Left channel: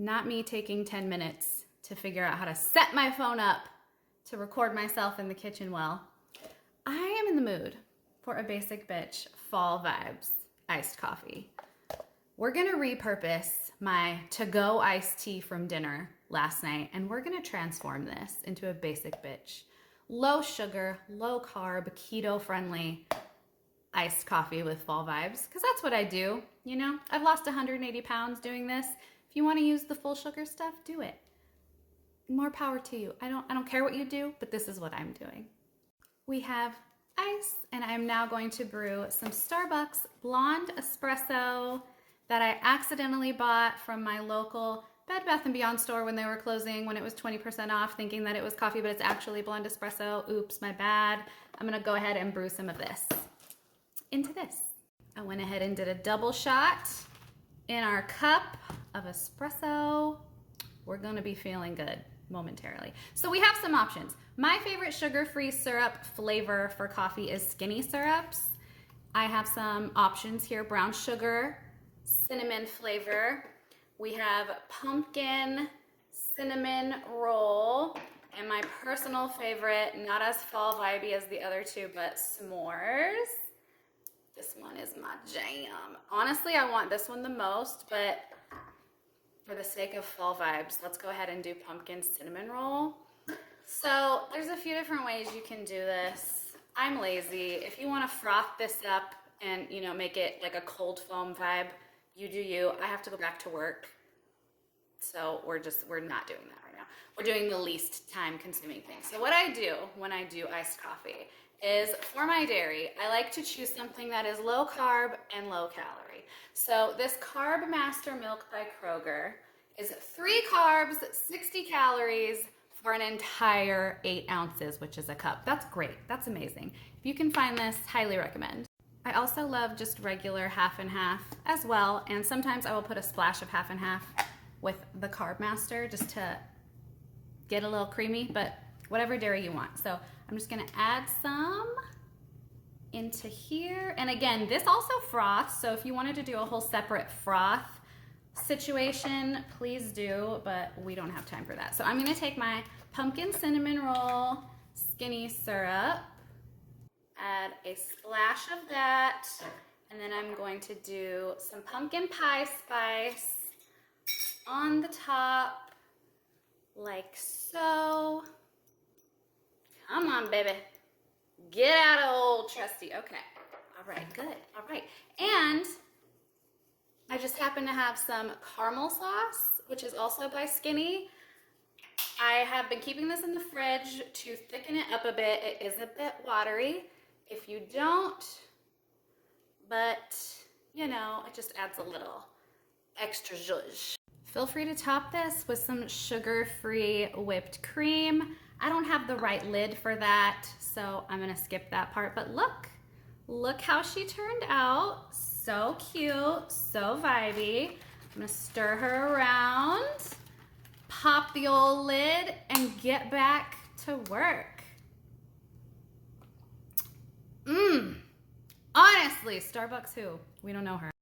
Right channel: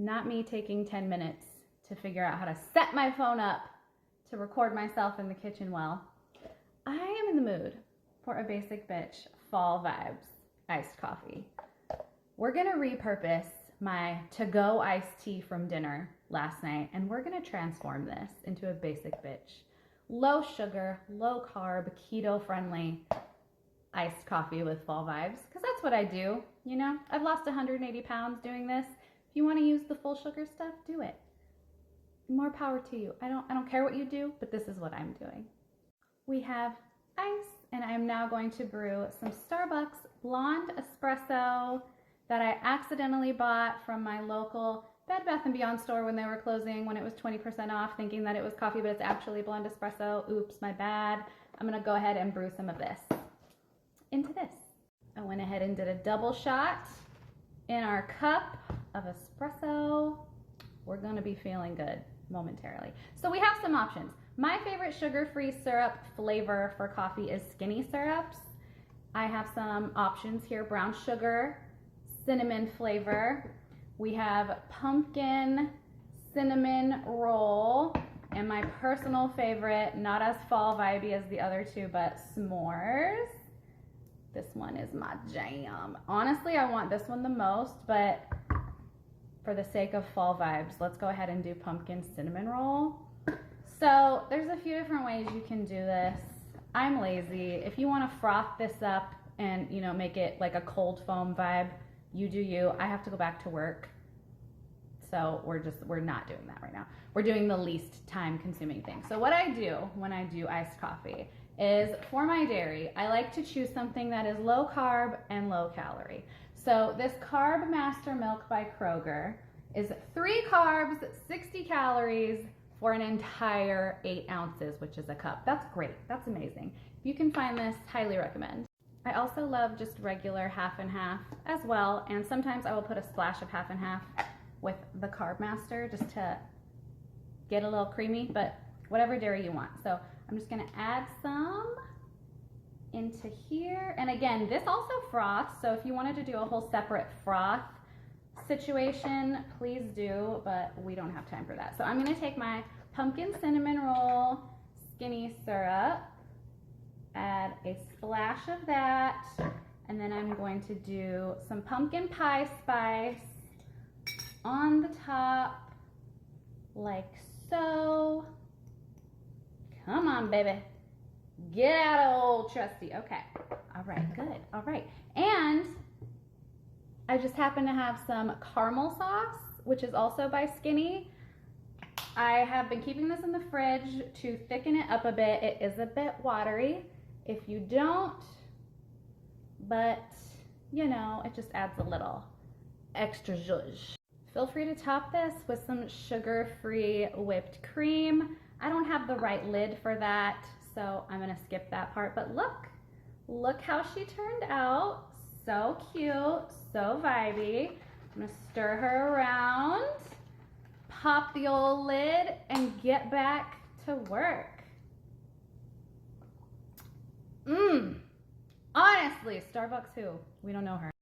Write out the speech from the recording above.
Not me taking 10 minutes to figure out how to set my phone up to record myself in the kitchen well. I am in the mood for a basic bitch fall vibes iced coffee. We're gonna repurpose my to-go iced tea from dinner last night, and we're gonna transform this into a basic bitch. Low sugar, low carb, keto friendly iced coffee with fall vibes, because that's what I do, you know? I've lost 180 pounds doing this. If you wanna use the full sugar stuff, do it. More power to you. I don't care what you do, but this is what I'm doing. We have ice, and I am now going to brew some Starbucks blonde espresso that I accidentally bought from my local Bed Bath & Beyond store when they were closing, when it was 20% off, thinking that it was coffee, but it's actually blonde espresso. Oops, my bad. I'm gonna go ahead and brew some of this into this. I went ahead and did a double shot in our cup of espresso. We're gonna be feeling good momentarily. So we have some options. My favorite sugar-free syrup flavor for coffee is skinny syrups. I have some options here: brown sugar, cinnamon flavor. We have pumpkin cinnamon roll, and my personal favorite, not as fall vibey as the other two, but s'mores. This one is my jam. Honestly, I want this one the most, but for the sake of fall vibes, let's go ahead and do pumpkin cinnamon roll. So there's a few different ways you can do this. I'm lazy. If you want to froth this up and, you know, make it like a cold foam vibe, you do you. I have to go back to work. So we're not doing that right now. We're doing the least time consuming thing. So what I do when I do iced coffee is, for my dairy, I like to choose something that is low carb and low calorie. So this Carbmaster Milk by Kroger is 3 carbs, 60 calories for an entire 8 ounces, which is a cup. That's great. That's amazing. If you can find this, highly recommend. I also love just regular half and half as well, and sometimes I will put a splash of half and half with the Carbmaster just to get a little creamy, but whatever dairy you want. So I'm just gonna add some into here. And again, this also froths, so if you wanted to do a whole separate froth situation, please do, but we don't have time for that. So I'm gonna take my pumpkin cinnamon roll skinny syrup, add a splash of that, and then I'm going to do some pumpkin pie spice on the top, like so. Come on, baby. Get out of old trusty. Okay. All right, good. All right. And I just happen to have some caramel sauce, which is also by Skinny. I have been keeping this in the fridge to thicken it up a bit. It is a bit watery if you don't, but you know, it just adds a little extra zhuzh. Feel free to top this with some sugar-free whipped cream. I don't have the right lid for that, so I'm gonna skip that part, but look how she turned out. So cute, so vibey. I'm gonna stir her around, pop the old lid, and get back to work. Honestly, Starbucks who? We don't know her.